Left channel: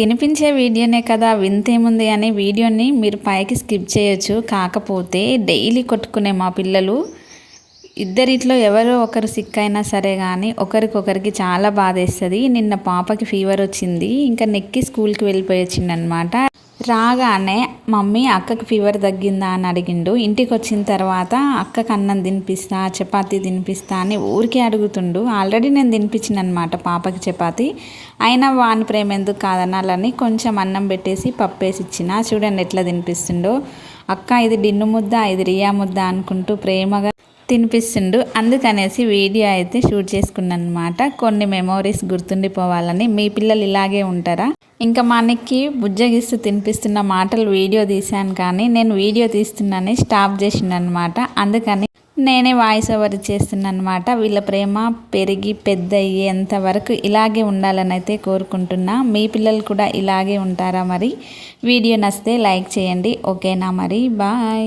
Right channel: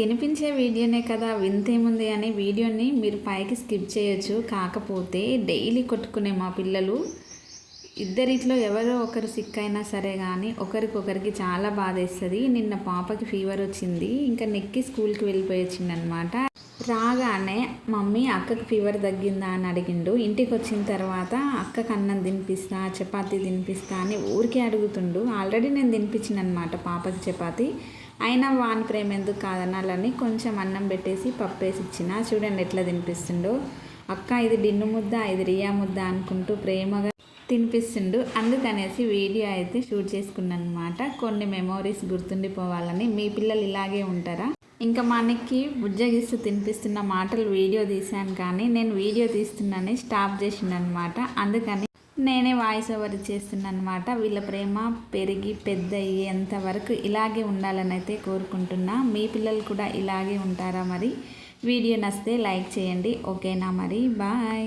తినిపించే వీడియోనే కదా వింతేముంది అనే వీడియోని మీరు పైకి స్కిప్ చేయొచ్చు. కాకపోతే డైలీ కొట్టుకునే మా పిల్లలు ఇద్దరిట్లో ఎవరో ఒకరు సిక్ అయినా సరే కానీ ఒకరికొకరికి చాలా బాధేస్తుంది. నిన్న పాపకి ఫీవర్ వచ్చింది, ఇంకా నెక్కి స్కూల్కి వెళ్ళిపోయి వచ్చిందనమాట. రాగానే మమ్మీ అక్కకి ఫీవర్ తగ్గిందా అని అడిగిండు. ఇంటికి వచ్చిన తర్వాత అక్కకి అన్నం తినిపిస్తా, చపాతీ తినిపిస్తా అని ఊరికే అడుగుతుండు. ఆల్రెడీ నేను తినిపించిన అనమాట పాపకి చపాతీ. అయినా వాని ప్రేమ ఎందుకు కాదనాలని కొంచెం అన్నం పెట్టేసి పప్పేసి ఇచ్చిన. చూడండి ఎట్లా తినిపిస్తుండో. అక్క ఇది డిన్ను ముద్ద, ఇది రియా ముద్ద అనుకుంటూ ప్రేమగా తినిపిస్తుండు. అందుకనేసి వీడియో అయితే షూట్ చేసుకున్నాను అనమాట. కొన్ని మెమోరీస్ గుర్తుండిపోవాలని. మీ పిల్లలు ఇలాగే ఉంటారా? ఇంకా మనకి బుజ్జగిస్తూ తినిపిస్తున్న మాటలు వీడియో తీశాను, కానీ నేను వీడియో తీస్తున్నానే స్టాప్ చేసిండు అనమాట. అందుకని నేనే వాయిస్ ఓవర్ చేస్తున్నాను అనమాట. వీళ్ళ ప్రేమ పెరిగి పెద్ద అయ్యేంత వరకు ఇలాగే ఉండాలని అయితే కోరుకుంటున్నా. మీ పిల్లలు కూడా ఇలాగే ఉంటారా? మరి వీడియో నచ్చితే లైక్ చేయండి. ఓకేనా? మరి బాయ్.